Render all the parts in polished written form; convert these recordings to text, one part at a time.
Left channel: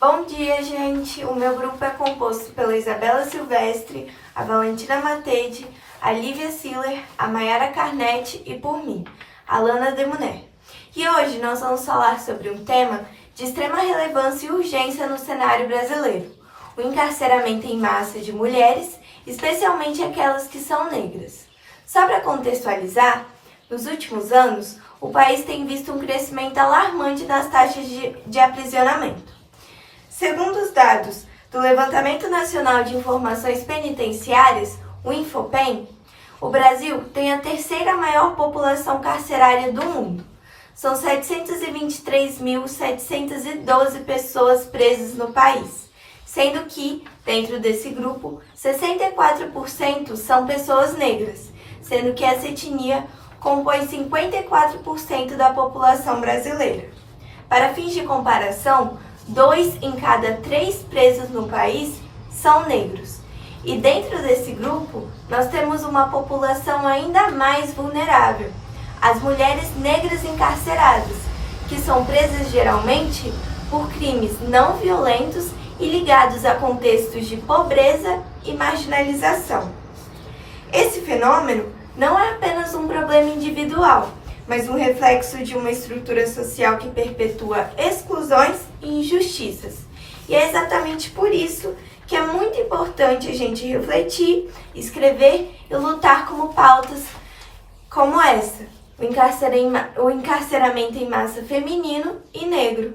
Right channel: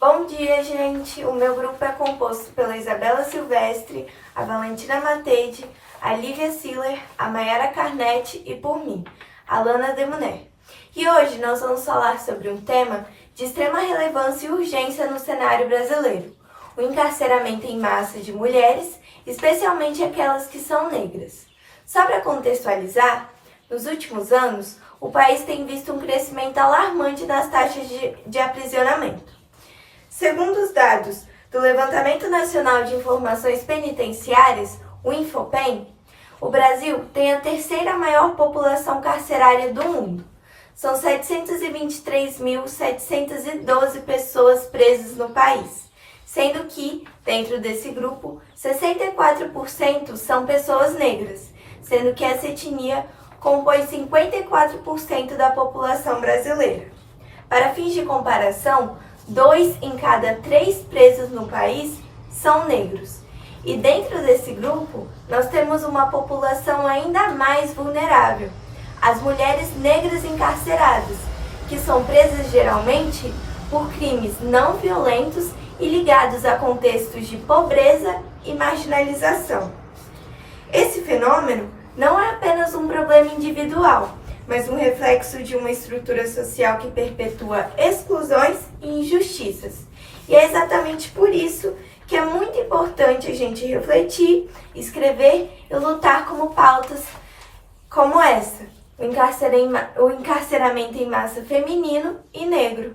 Bom dia, gente! O meu grupo é composto pela Isabela Silvestre, a Valentina Matede, a Lívia Siller, a Mayara Carnetti e por mim, a Lana Demuner. E hoje nós vamos falar sobre um tema de extrema relevância e urgência no cenário brasileiro: o encarceramento em massa de mulheres, especialmente aquelas que são negras. Só para contextualizar, nos últimos anos, o país tem visto um crescimento alarmante das taxas de aprisionamento. Segundo os dados do Levantamento Nacional de Informações Penitenciárias, o INFOPEN, o Brasil tem a terceira maior população carcerária do mundo. São 723.712 pessoas presas no país, sendo que, dentro desse grupo, 64% são pessoas negras, sendo que essa etnia compõe 54% da população brasileira. Para fins de comparação, 2 em cada 3 presos no país são negros. E dentro desse grupo, nós temos uma população ainda mais vulnerável: as mulheres negras encarceradas, que são presas geralmente por crimes não violentos e ligados a contextos de pobreza e marginalização. Esse fenômeno não é apenas um problema individual, mas um reflexo de uma estrutura social que perpetua exclusões e injustiças. E é exatamente por isso que é muito importante a gente refletir, escrever e lutar como pautas como essa: o encarceramento em massa feminino e negro.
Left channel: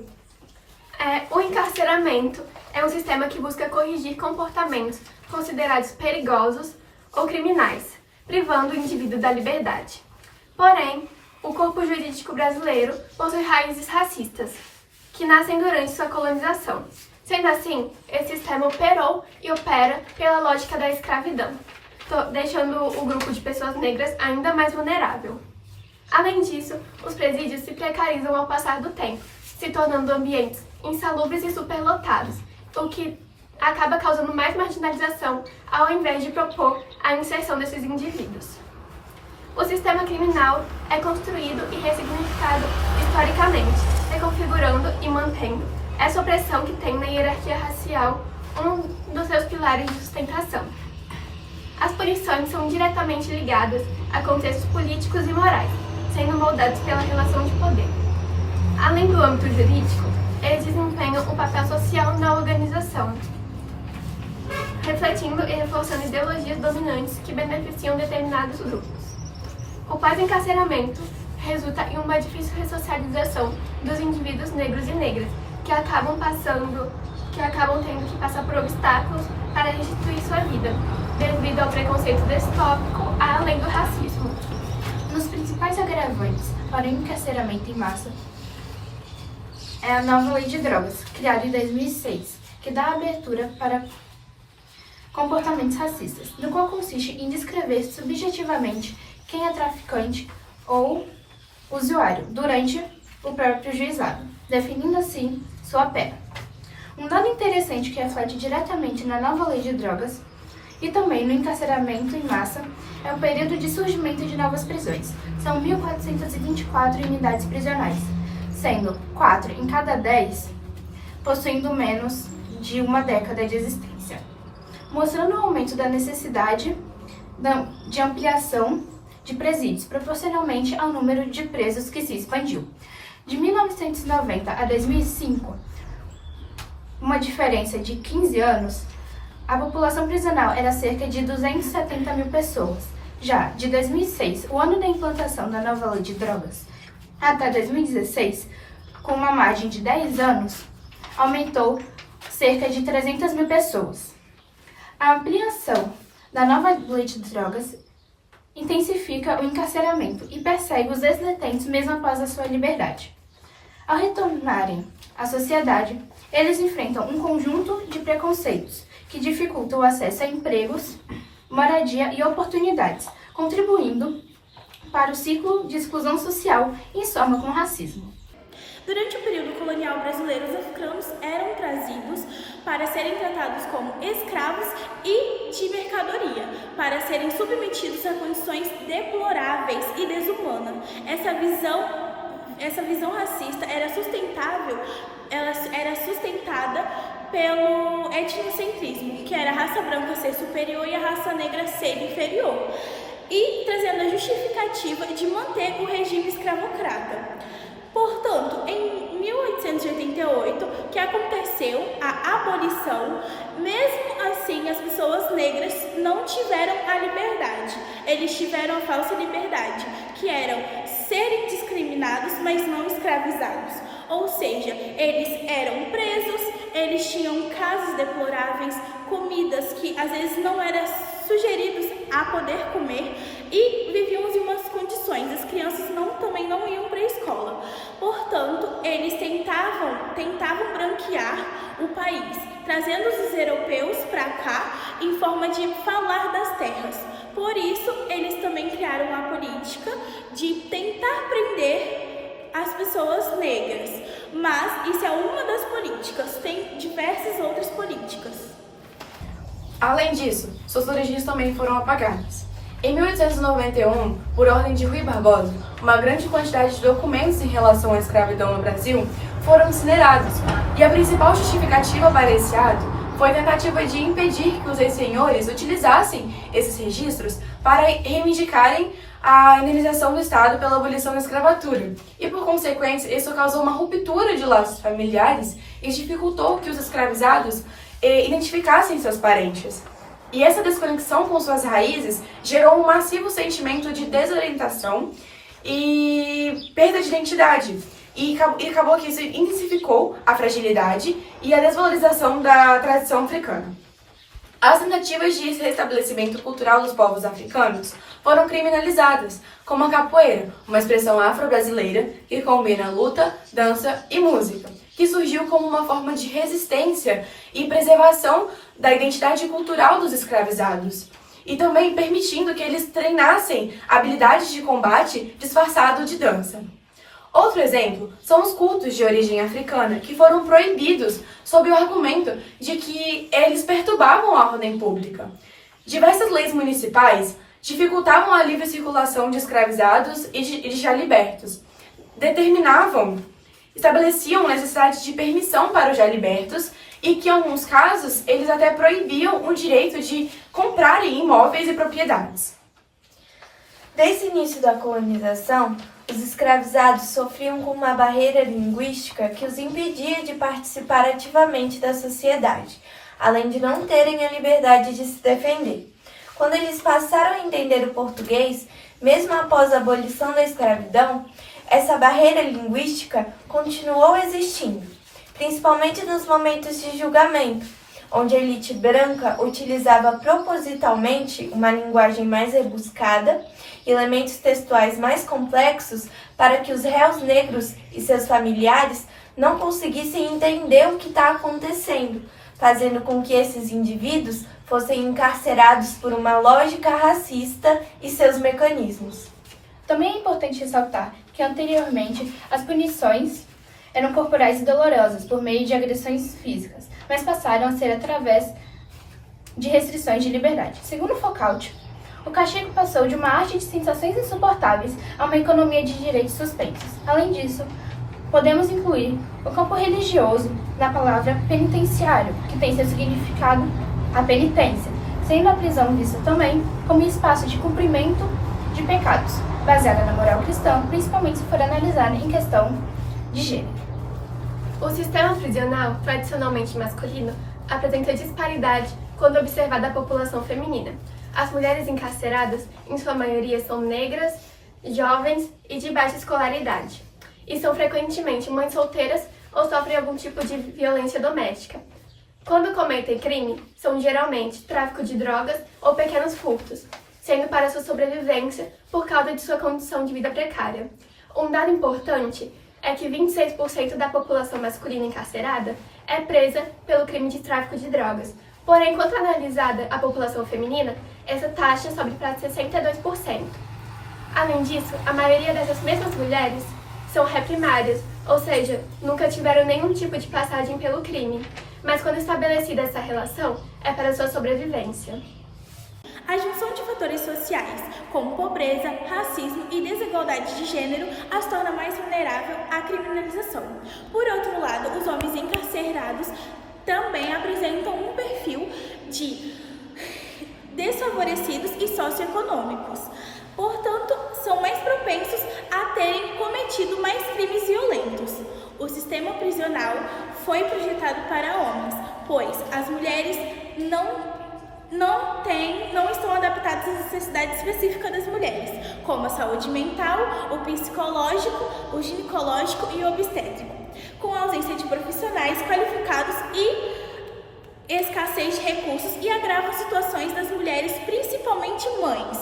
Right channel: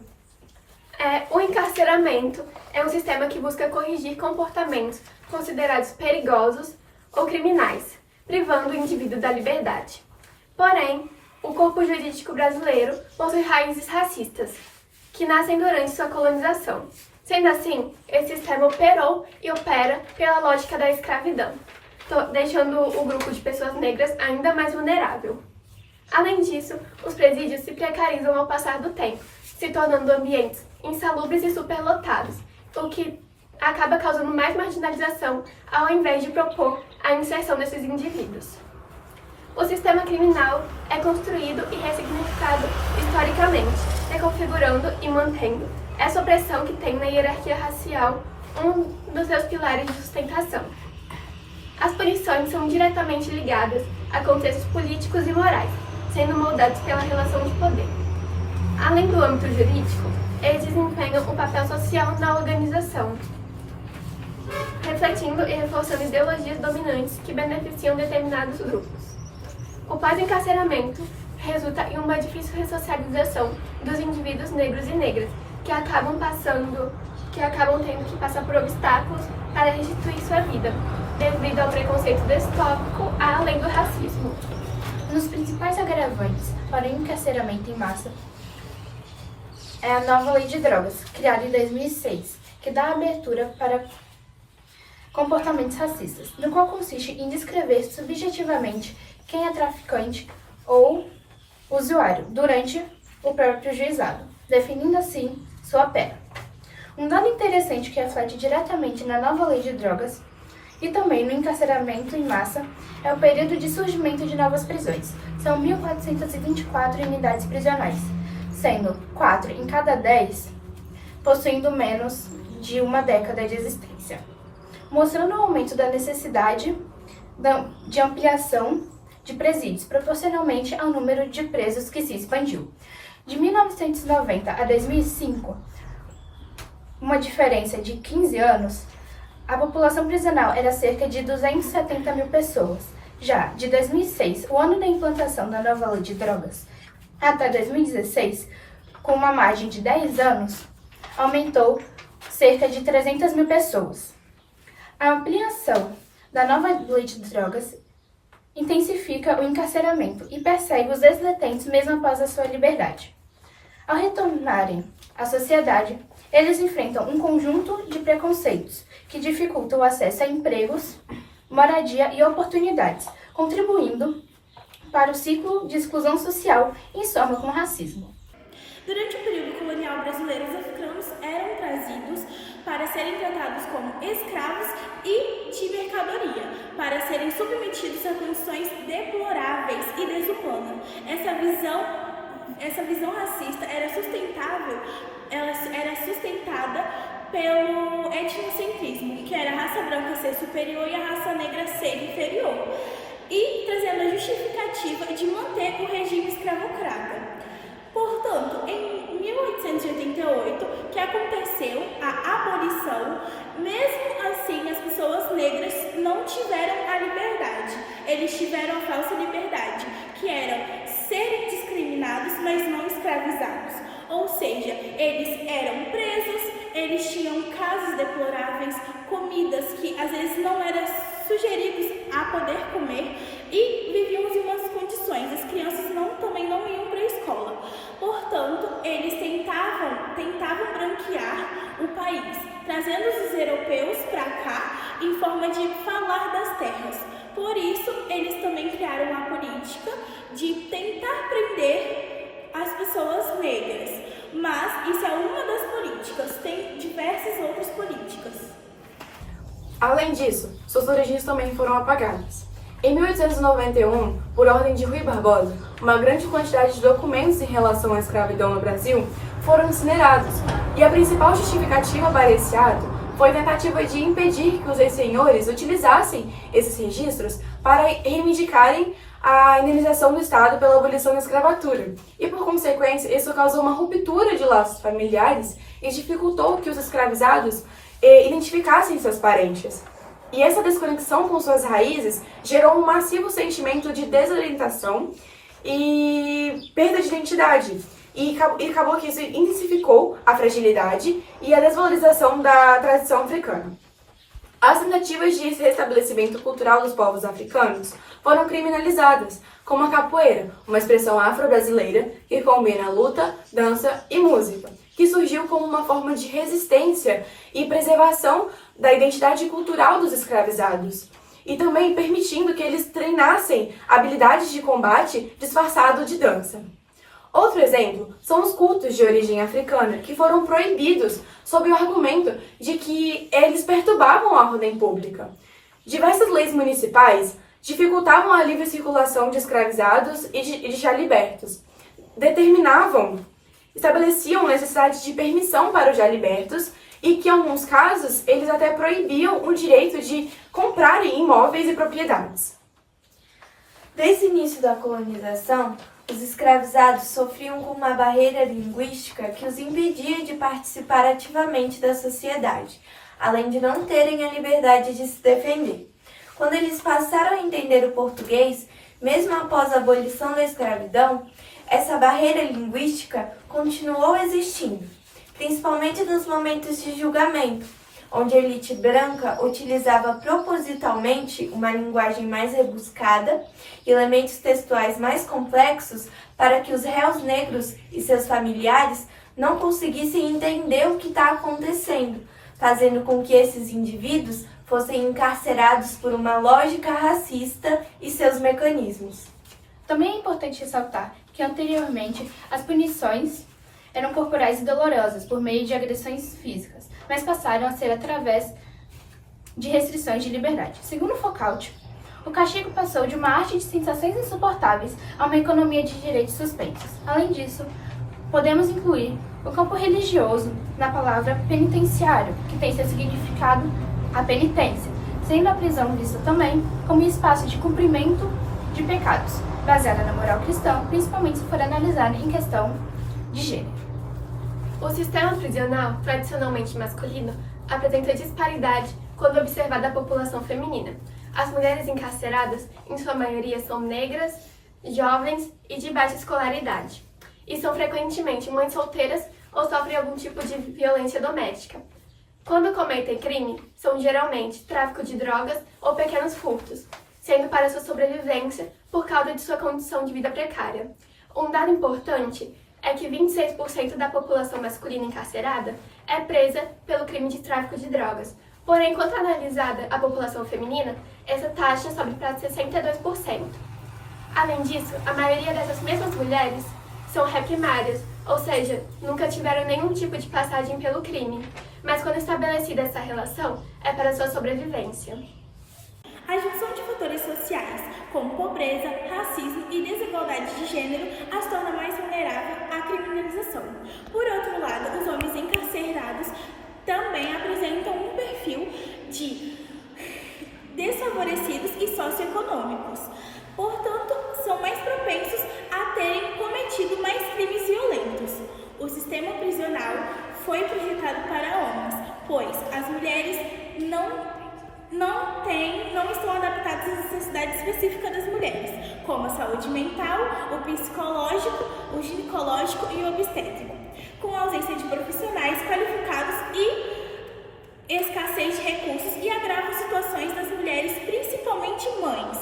O encarceramento é um sistema que busca corrigir comportamentos considerados perigosos ou criminais, privando o indivíduo da liberdade. Porém, o corpo jurídico brasileiro possui raízes racistas, que nascem durante sua colonização. Sendo assim, esse sistema operou e opera pela lógica da escravidão, deixando o grupo de pessoas negras ainda mais vulnerável. Além disso, os presídios se precarizam ao passar do tempo, se tornando ambientes insalubres e superlotados, o que acaba causando mais marginalização ao invés de propor a inserção desses indivíduos. O sistema criminal é construído e ressignificado historicamente, reconfigurando e mantendo essa opressão que tem na hierarquia racial um dos seus pilares de sustentação. As punições são diretamente ligadas a contextos políticos e morais, sendo moldados pela relação de poder. Além do âmbito jurídico, eles desempenham um papel social na organização, refletindo e reforçando ideologias dominantes que beneficiam determinados grupos. O pós-encarceramento resulta em uma difícil ressocialização dos indivíduos negros e negras, que acabam tendo que passar por obstáculos para restituir sua vida, devido ao preconceito distópico além do racismo. Um dos principais agravantes para o encarceramento em massa é a nova Lei de Drogas, criada em 2006, que dá abertura para comportamentos racistas, no qual consiste em descrever subjetivamente quem é traficante ou usuário durante o próprio juizado, definindo assim sua pena. Um dado interessante que reflete diretamente na nova Lei de Drogas e também no encarceramento em massa é o período de surgimento de novas prisões. São 1.424 unidades prisionais, sendo 4 em cada 10 possuindo menos de uma década de existência, mostrando o aumento da necessidade de ampliação de presídios, proporcionalmente ao número de presos que se expandiu. De 1990 a 2005, uma diferença de 15 anos, a população prisional era cerca de 270 mil pessoas. Já de 2006, o ano da implantação da nova Lei de Drogas, até 2016, com uma margem de 10 anos, aumentou cerca de 300 mil pessoas. A ampliação da nova Lei de Drogas intensifica o encarceramento e persegue os ex-detentos mesmo após a sua liberdade. Ao retornarem à sociedade, eles enfrentam um conjunto de preconceitos que dificultam o acesso a empregos, moradia e oportunidades, contribuindo para o ciclo de exclusão social em soma com o racismo. Durante o período colonial brasileiro, os africanos eram trazidos para serem tratados como escravos e de mercadoria, para serem submetidos a condições deploráveis e desumanas. Essa visão essa visão racista era sustentada pelo etnocentrismo, que era a raça branca ser superior e a raça negra ser inferior, e trazendo a justificativa de manter o regime escravocrata. Portanto, em 1888, que aconteceu a abolição, mesmo assim as pessoas negras não tiveram a liberdade. Eles tiveram a falsa liberdade, que eram serem discriminados, mas não escravizados. Ou seja, eles eram presos, eles tinham casos deploráveis, comidas que às vezes não eram sugeridos a poder comer e viviam em umas condições. As crianças também não iam para a escola. Portanto, eles tentavam branquear o país, trazendo os europeus para cá em forma de falar das terras. Por isso, eles também criaram a política de tentar prender as pessoas negras. Mas isso é uma das políticas, tem diversas outras políticas. Além disso, suas origens também foram apagadas. Em 1891, por ordem de Rui Barbosa, uma grande quantidade de documentos em relação à escravidão no Brasil foram incinerados, e a principal justificativa para esse ato foi a tentativa de impedir que os ex-senhores utilizassem esses registros para reivindicarem a indenização do Estado pela abolição da escravatura. E, por consequência, isso causou uma ruptura de laços familiares e dificultou que os escravizados identificassem seus parentes. E essa desconexão com suas raízes gerou um massivo sentimento de desorientação e perda de identidade. E acabou que isso intensificou a fragilidade e a desvalorização da tradição africana. As tentativas de restabelecimento cultural dos povos africanos foram criminalizadas, como a capoeira, uma expressão afro-brasileira que combina luta, dança e música, que surgiu como uma forma de resistência e preservação da identidade cultural dos escravizados, e também permitindo que eles treinassem habilidades de combate disfarçado de dança. Outro exemplo são os cultos de origem africana, que foram proibidos sob o argumento de que eles perturbavam a ordem pública. Diversas leis municipais dificultavam a livre circulação de escravizados e de já libertos. Estabeleciam necessidade de permissão para os já libertos e que, em alguns casos, eles até proibiam o direito de comprarem imóveis e propriedades. Desde o início da colonização, os escravizados sofriam com uma barreira linguística que os impedia de participar ativamente da sociedade, além de não terem a liberdade de se defender. Quando eles passaram a entender o português, mesmo após a abolição da escravidão, essa barreira linguística continuou existindo, principalmente nos momentos de julgamento, onde a elite branca utilizava propositalmente uma linguagem mais rebuscada e elementos textuais mais complexos para que os réus negros e seus familiares não conseguissem entender o que está acontecendo, fazendo com que esses indivíduos fossem encarcerados por uma lógica racista e seus mecanismos. Também é importante ressaltar que anteriormente as punições eram corporais e dolorosas por meio de agressões físicas, mas passaram a ser através de restrições de liberdade. Segundo Foucault, o castigo passou de uma arte de sensações insuportáveis a uma economia de direitos suspensos. Além disso, podemos incluir o campo religioso na palavra penitenciário, que tem seu significado a penitência, sendo a prisão vista também como espaço de cumprimento de pecados, baseada na moral cristã, principalmente se for analisada em questão de gênero. O sistema prisional, tradicionalmente masculino, apresenta disparidade quando observada a população feminina. As mulheres encarceradas, em sua maioria, são negras, jovens e de baixa escolaridade, e são frequentemente mães solteiras ou sofrem algum tipo de violência doméstica. Quando cometem crime, são geralmente tráfico de drogas ou pequenos furtos, sendo para sua sobrevivência por causa de sua condição de vida precária. Um dado importante é que 26% da população masculina encarcerada é presa pelo crime de tráfico de drogas. Porém, quando analisada a população feminina, essa taxa sobe para 62%. Além disso, a maioria dessas mesmas mulheres são reprimárias, ou seja, nunca tiveram nenhum tipo de passagem pelo crime. Mas quando estabelecida essa relação, é para sua sobrevivência. A junção de fatores sociais, como pobreza, racismo e desigualdade de gênero, as torna mais vulnerável à criminalização. Por outro lado, os homens encarcerados também apresentam um perfil de desfavorecidos e socioeconômicos. Portanto, são mais propensos a terem cometido mais crimes violentos. O sistema prisional foi projetado para homens, pois as mulheres não estão adaptadas às necessidades específicas das mulheres, como a saúde mental, o psicológico, o ginecológico e o obstétrico, com a ausência de profissionais qualificados e escassez de recursos e agrava situações das mulheres, principalmente mães.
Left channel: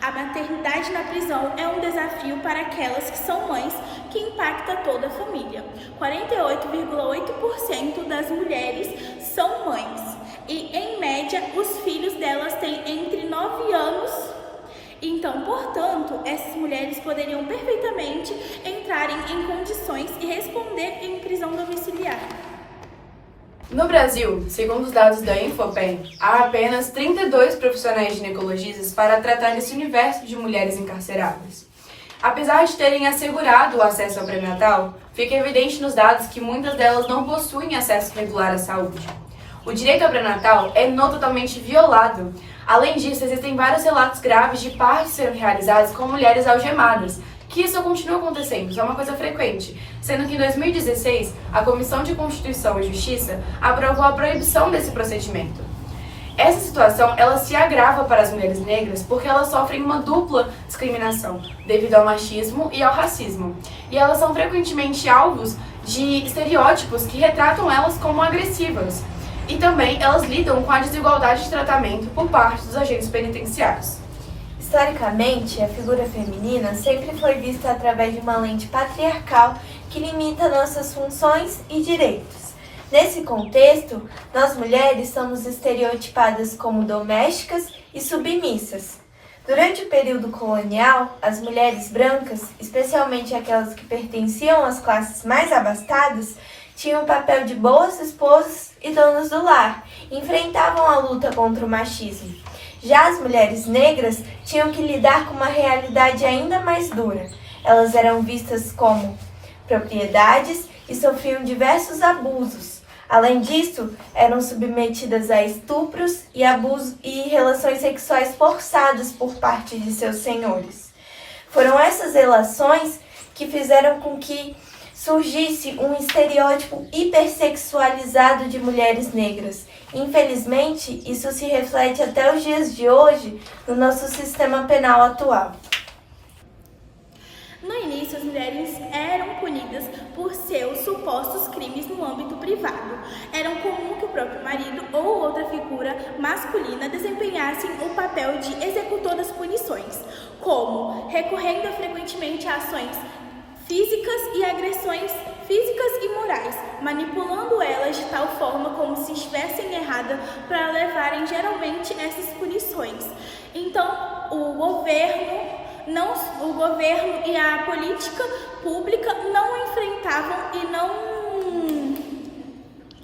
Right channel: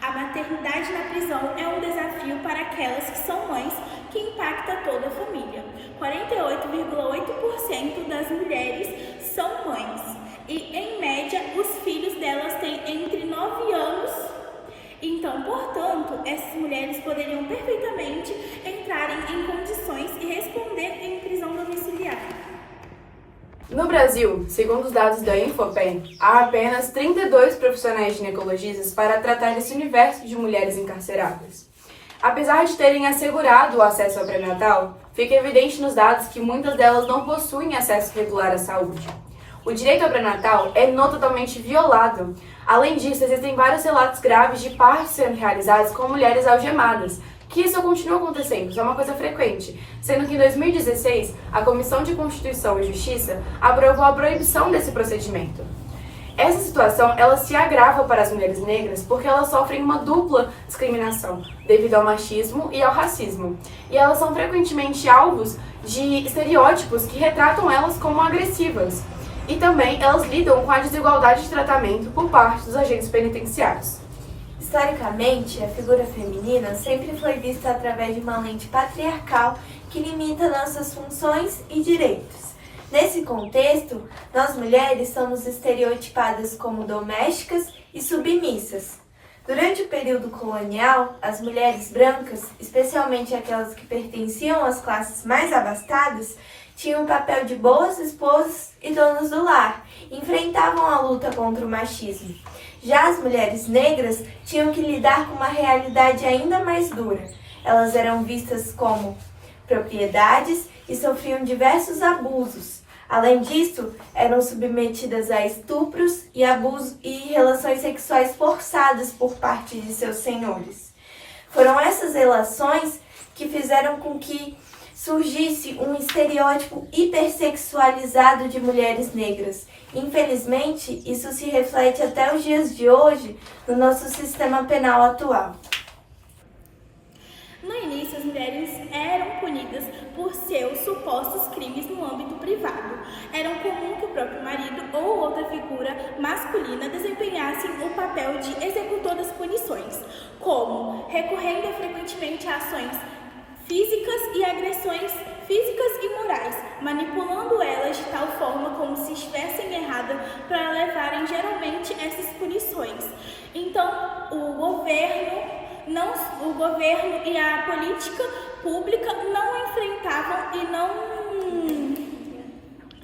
A maternidade na prisão é um desafio para aquelas que são mães, que impacta toda a família. 48,8% das mulheres são mães e, em média, os filhos delas têm entre 9 anos. Então, portanto, essas mulheres poderiam perfeitamente entrarem em condições e responder em prisão domiciliar. No Brasil, segundo os dados da Infopem, há apenas 32 profissionais ginecologistas para tratar esse universo de mulheres encarceradas. Apesar de terem assegurado o acesso ao pré-natal, fica evidente nos dados que muitas delas não possuem acesso regular à saúde. O direito ao pré-natal é totalmente violado. Além disso, existem vários relatos graves de partos sendo realizados com mulheres algemadas, que isso continua acontecendo, isso é uma coisa frequente, sendo que em 2016, a Comissão de Constituição e Justiça aprovou a proibição desse procedimento. Essa situação, ela se agrava para as mulheres negras porque elas sofrem uma dupla discriminação, devido ao machismo e ao racismo. E elas são frequentemente alvos de estereótipos que retratam elas como agressivas. E também elas lidam com a desigualdade de tratamento por parte dos agentes penitenciários. Historicamente, a figura feminina sempre foi vista através de uma lente patriarcal que limita nossas funções e direitos. Nesse contexto, nós mulheres somos estereotipadas como domésticas e submissas. Durante o período colonial, as mulheres brancas, especialmente aquelas que pertenciam às classes mais abastadas, tinham o papel de boas esposas e donas do lar, e enfrentavam a luta contra o machismo. Já as mulheres negras tinham que lidar com uma realidade ainda mais dura. Elas eram vistas como propriedades e sofriam diversos abusos. Além disso, eram submetidas a estupros e abusos e relações sexuais forçadas por parte de seus senhores. Foram essas relações que fizeram com que surgisse um estereótipo hipersexualizado de mulheres negras. Infelizmente, isso se reflete até os dias de hoje no nosso sistema penal atual. No início, as mulheres eram punidas por seus supostos crimes no âmbito privado. Era comum que o próprio marido ou outra figura masculina desempenhassem o papel de executor das punições, como recorrendo frequentemente a ações físicas e agressões físicas e morais, manipulando elas de tal forma como se estivessem erradas para levarem geralmente essas punições. Então, o governo e a política pública não enfrentavam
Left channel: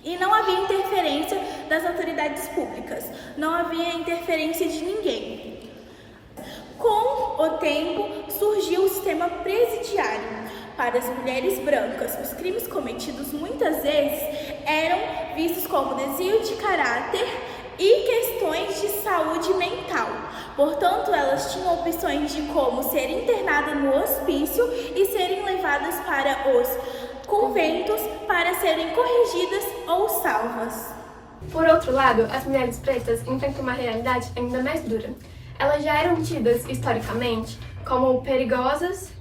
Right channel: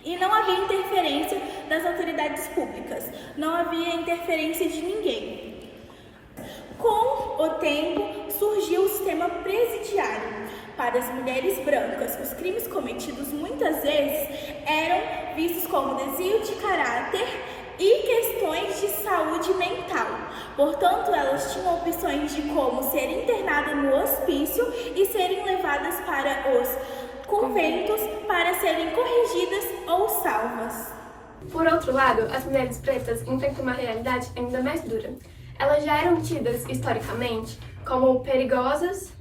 e não havia interferência das autoridades públicas, não havia interferência de ninguém. Com o tempo, surgiu o sistema presidiário. Para as mulheres brancas, os crimes cometidos muitas vezes eram vistos como desvio de caráter e questões de saúde mental. Portanto, elas tinham opções de como ser internadas no hospício e serem levadas para os conventos para serem corrigidas ou salvas. Por outro lado, as mulheres pretas enfrentam uma realidade ainda mais dura. Elas já eram tidas, historicamente, como perigosas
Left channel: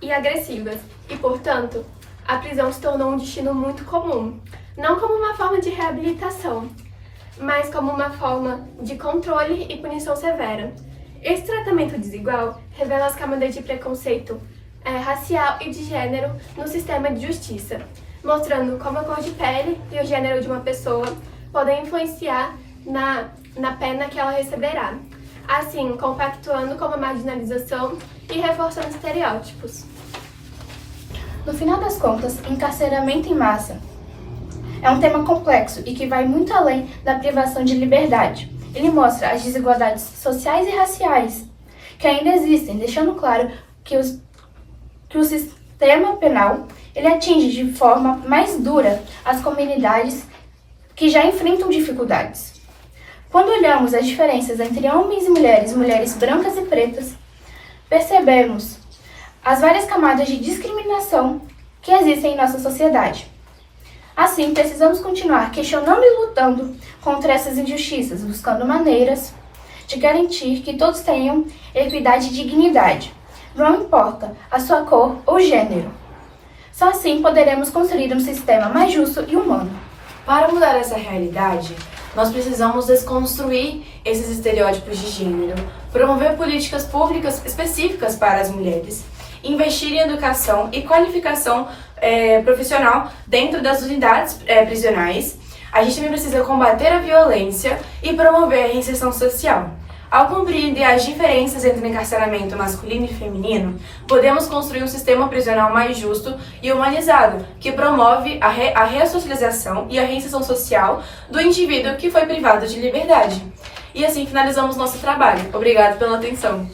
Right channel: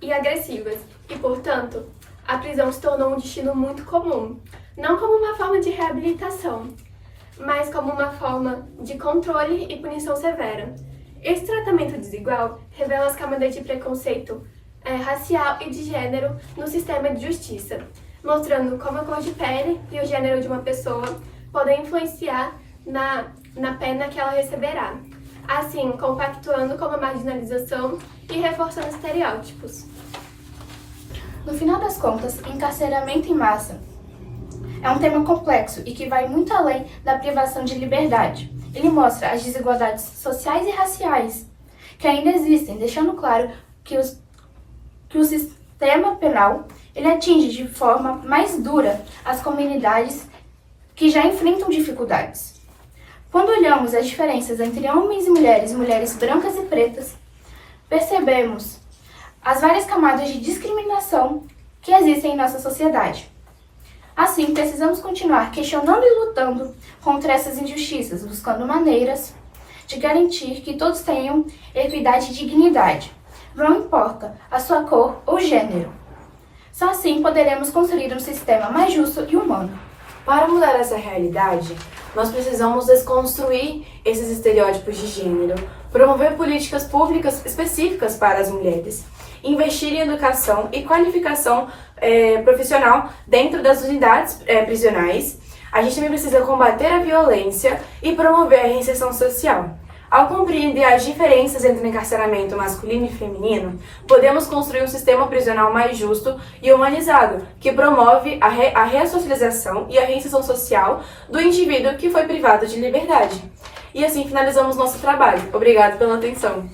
e agressivas, e, portanto, a prisão se tornou um destino muito comum, não como uma forma de reabilitação, mas como uma forma de controle e punição severa. Esse tratamento desigual revela as camadas de preconceito racial e de gênero no sistema de justiça, mostrando como a cor de pele e o gênero de uma pessoa podem influenciar na pena que ela receberá, assim compactuando com a marginalização e reforçando estereótipos. No final das contas, encarceramento em massa é um tema complexo e que vai muito além da privação de liberdade. ele mostra as desigualdades sociais e raciais que ainda existem, deixando claro que o sistema penal ele atinge de forma mais dura as comunidades que já enfrentam dificuldades. Quando olhamos as diferenças entre homens e mulheres brancas e pretas, percebemos as várias camadas de discriminação que existem em nossa sociedade. Assim, precisamos continuar questionando e lutando contra essas injustiças, buscando maneiras de garantir que todos tenham equidade e dignidade, não importa a sua cor ou gênero. Só assim poderemos construir um sistema mais justo e humano. Para mudar essa realidade, nós precisamos desconstruir esses estereótipos de gênero, promover políticas públicas específicas para as mulheres, investir em educação e qualificação profissional dentro das unidades prisionais. A gente também precisa combater a violência e promover a reinserção social. Ao compreender as diferenças entre o encarceramento masculino e feminino, podemos construir um sistema prisional mais justo e humanizado, que promove a ressocialização e a reinserção social do indivíduo que foi privado de liberdade. E assim finalizamos nosso trabalho. Obrigado pela atenção.